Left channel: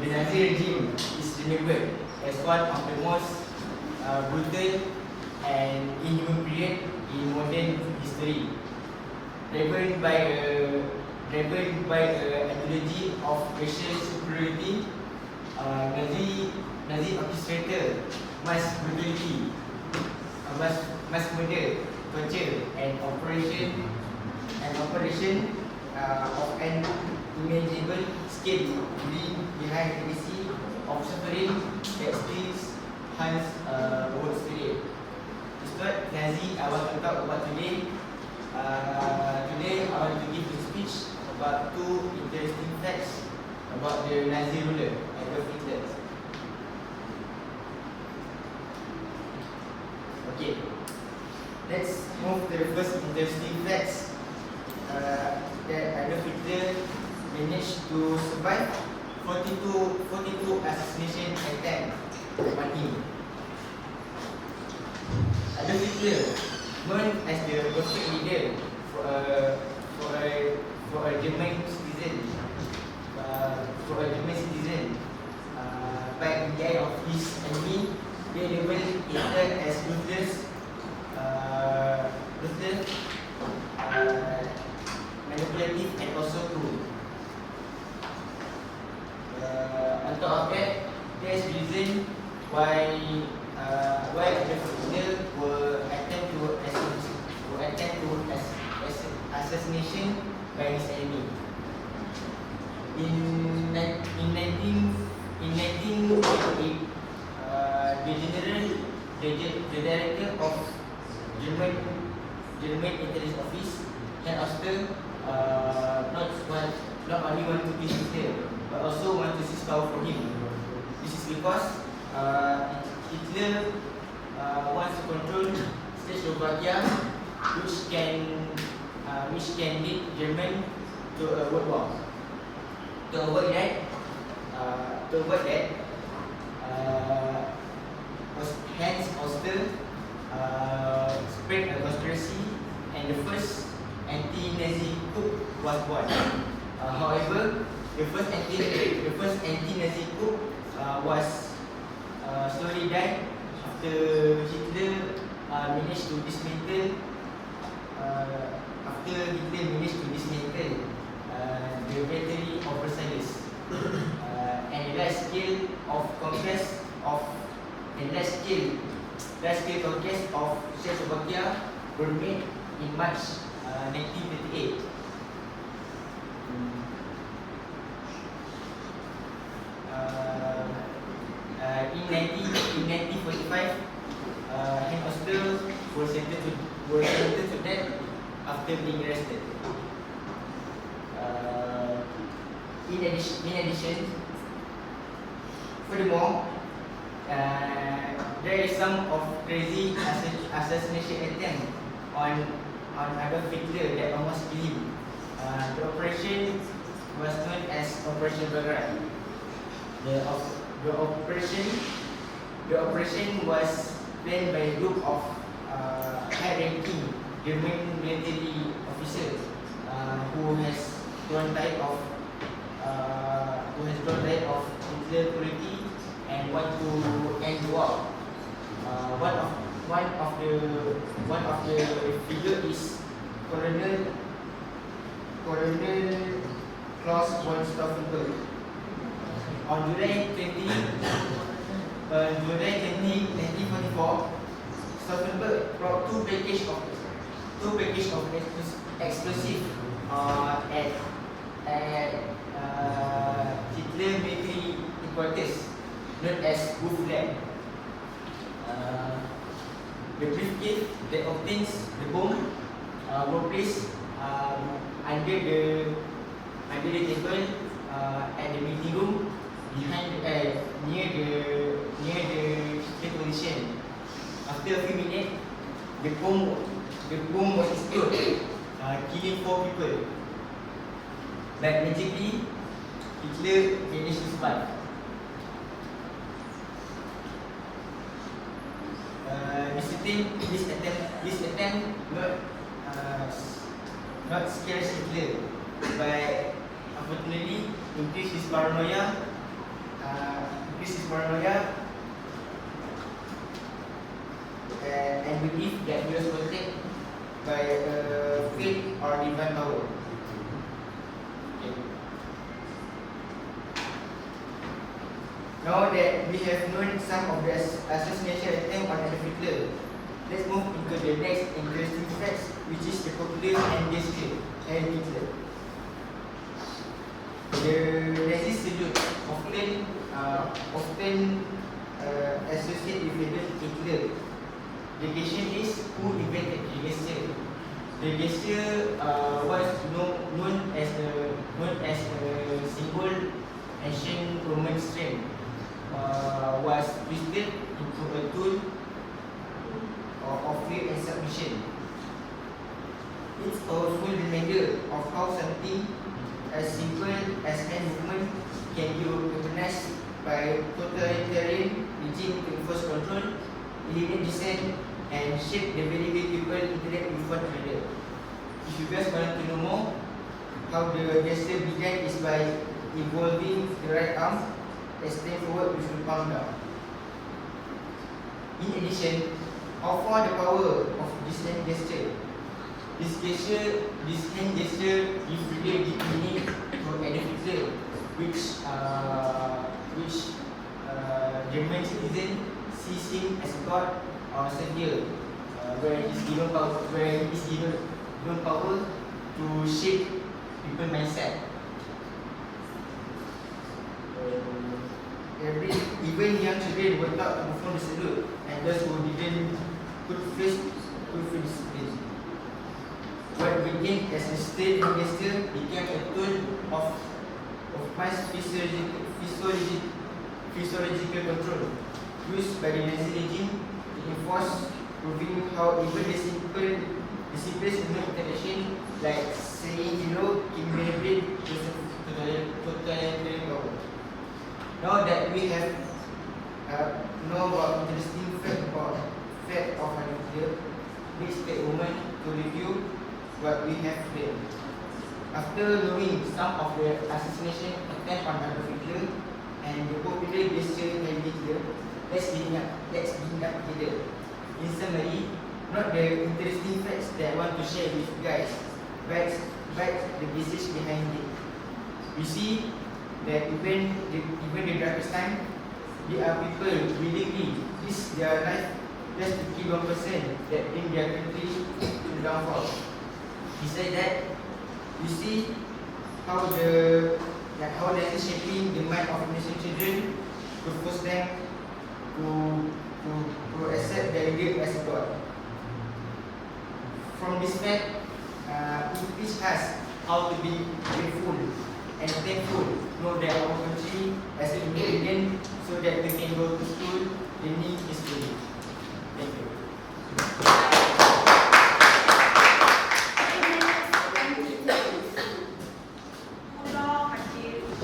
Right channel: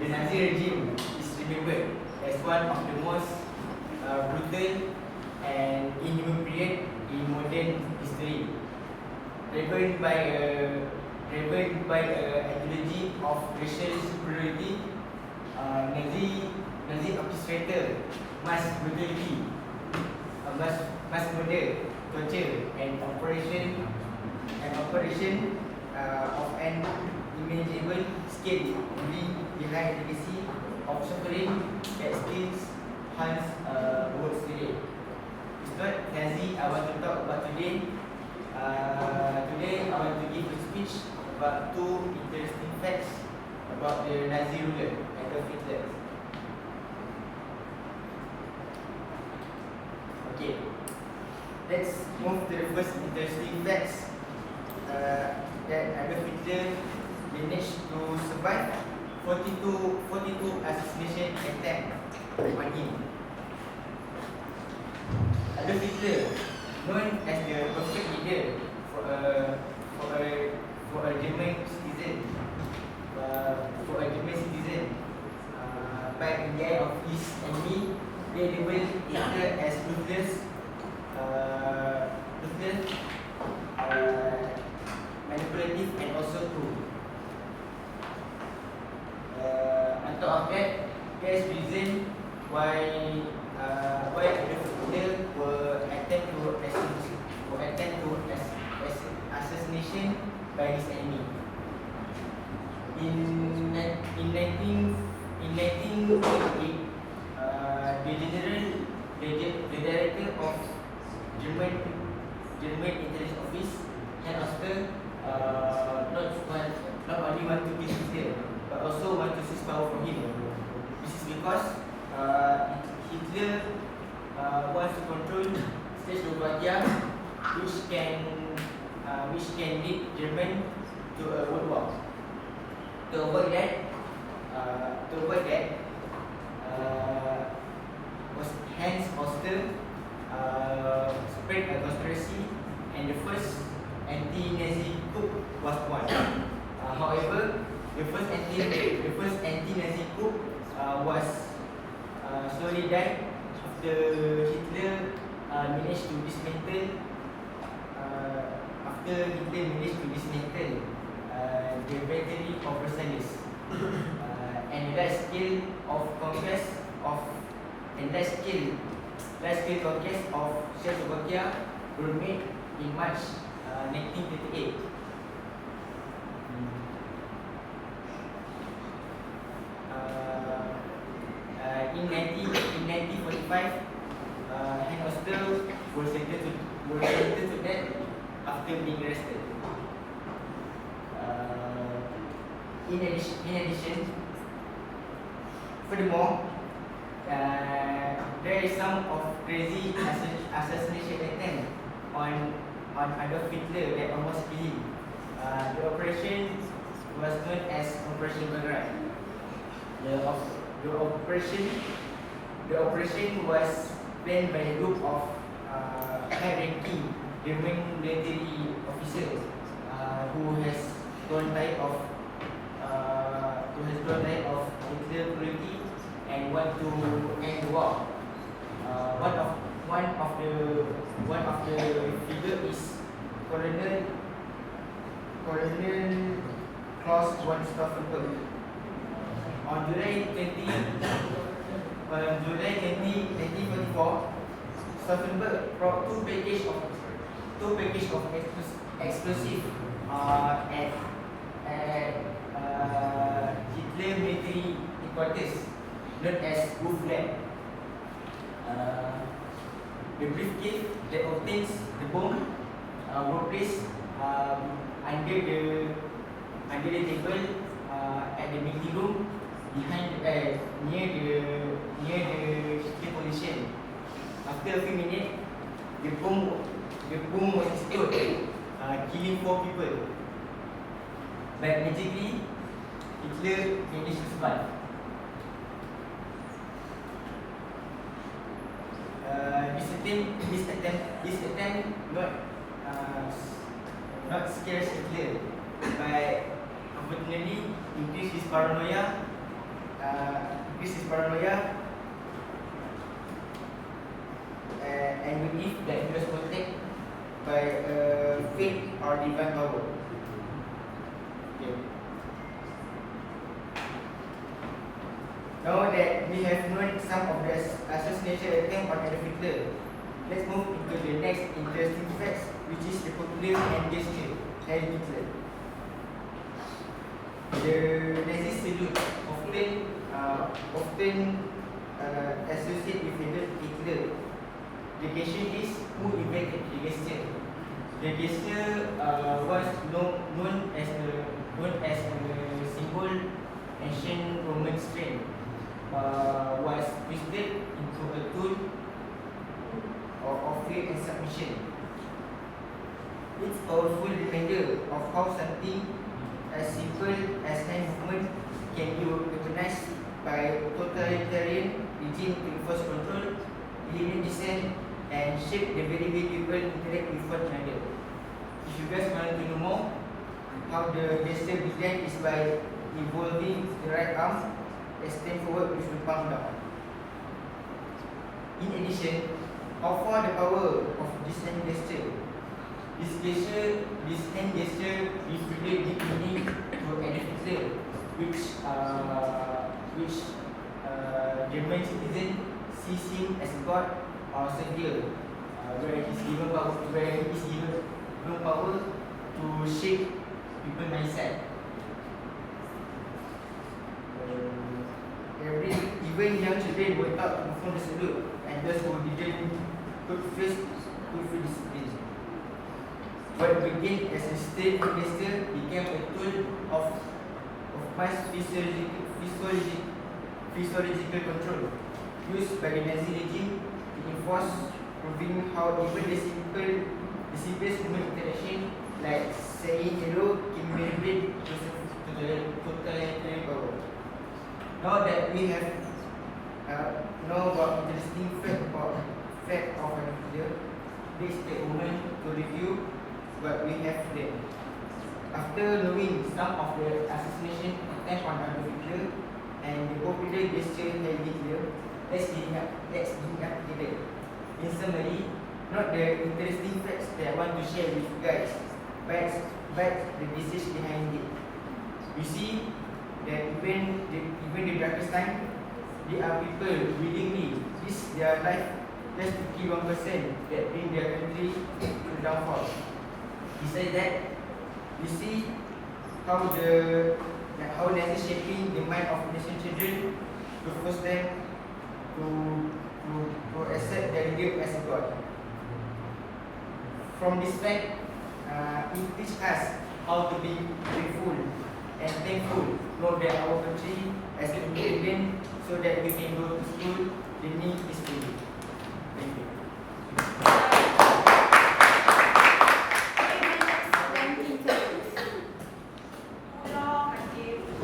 The Nazi regime is remembered as one of the most brutal and inhuman period in modern history, driven by a ideology of racial superiority, Nazi orchestrated mass brutality, mass murder, torture, and operation of an unimaginable scale, leaving behind a legacy of suffering that still haunts the world today. It's not Nazi I want to talk about today. Today I want to give a speech about two interesting facts about the Nazi ruler, Adolf Hitler. Okay, let's move to the first interesting facts. That Adolf Hitler managed to survive 42 assassination attempts on him. Adolf Hitler, known as the perfect leader for a German citizen, back in the eye of his enemy, they labeled Hitler as ruthless, manipulative, and also cruel. On top of that, there is reason why Adolf Hitler were attempt to assassination by his enemy. In 1948, the director of German Intelligence Office, Herr Oster, not only want to kill Hitler, but also want to seize power from him. This is because Hitler wants to control Czechoslovakia, which can lead German to a world war. To avoid that, Hans Oster spread a conspiracy, and the first anti-Nazi coup was born. However, the first anti-Nazi coup was slowly died after Hitler managed to dismantle the victory of Versailles, and the large scale conquest of Czechoslovakia were made in March 1938. In 1945, Hans Oster was sentenced to death after being arrested. In addition, furthermore, there is some of crazy assassination attempt on Adolf Hitler that almost killed him. The operation was known as Operation Belgrade. The operation was planned by a group of high-ranking German military officers who has grown tired of Hitler cruelty and want to end the war. One of the figure is Colonel Klaus von Stauffenberg. On July 20, 1944, Stauffenberg brought two packages of explosive at Hitler military headquarters, known as Wolfland. The briefcase that contains the bomb were placed under the table at the meeting room behind near the Hitler position. After a few minutes, the bomb was exploded, killing 4 people. But magically, Hitler managed to survive. This attempt not scares Hitler, but unfortunately increased his paranoia This is paranoia and belief that he was protected by faith or divine power. Okay. Now that we have known some of the assassination attempt on Adolf Hitler, let's move into the next interesting fact, which is the popular hand gesture, Heil Hitler. The Nazi salute often associated with Hitler. The gesture is who invented the gesture. The gesture was known as a symbol ancient Roman strength. Was twisted into a tool of fear and submission. It's a powerful reminder of how something as simple as hand movement can be weaponized by totalitarian regime to enforce control, eliminate dissent, and shape the very way people interact with one another. If you guys want to know more, how the gesture began is by involving the right arm and stand forward with the palm down. In addition, how far the power of this hand gesture? This hand gesture is really deeply to Adolf Hitler, which German citizen sees him as God or Savior, where he is given power to shape people mindset. Even young children were taught to perform the salute, and those who didn't could face discipline. What began as a state gesture became a tool of mass physiological control used by the Nazi regime to enforce, proving how even the simplest human interaction, like saying hello, can be read to totalitarian power. Now that we have know about interesting fact of Adolf Hitler, let's take a moment to review what we have learned. After knowing some of the assassination attempt on Adolf Hitler and the popular gesture Heil Hitler, let's bring up together. In summary, not the interesting facts that I want to share with you guys, but the message behind it. We see that even the darkest time, there are people willingly risk their life just to kill one person that bring their country to downfall. Besides that, we see how Nazi shaping the mind of innocent children to force them to accept their leader as a god. From this fact, it teaches us how to be grateful and thankful, know that our country as independent, so that we can go to school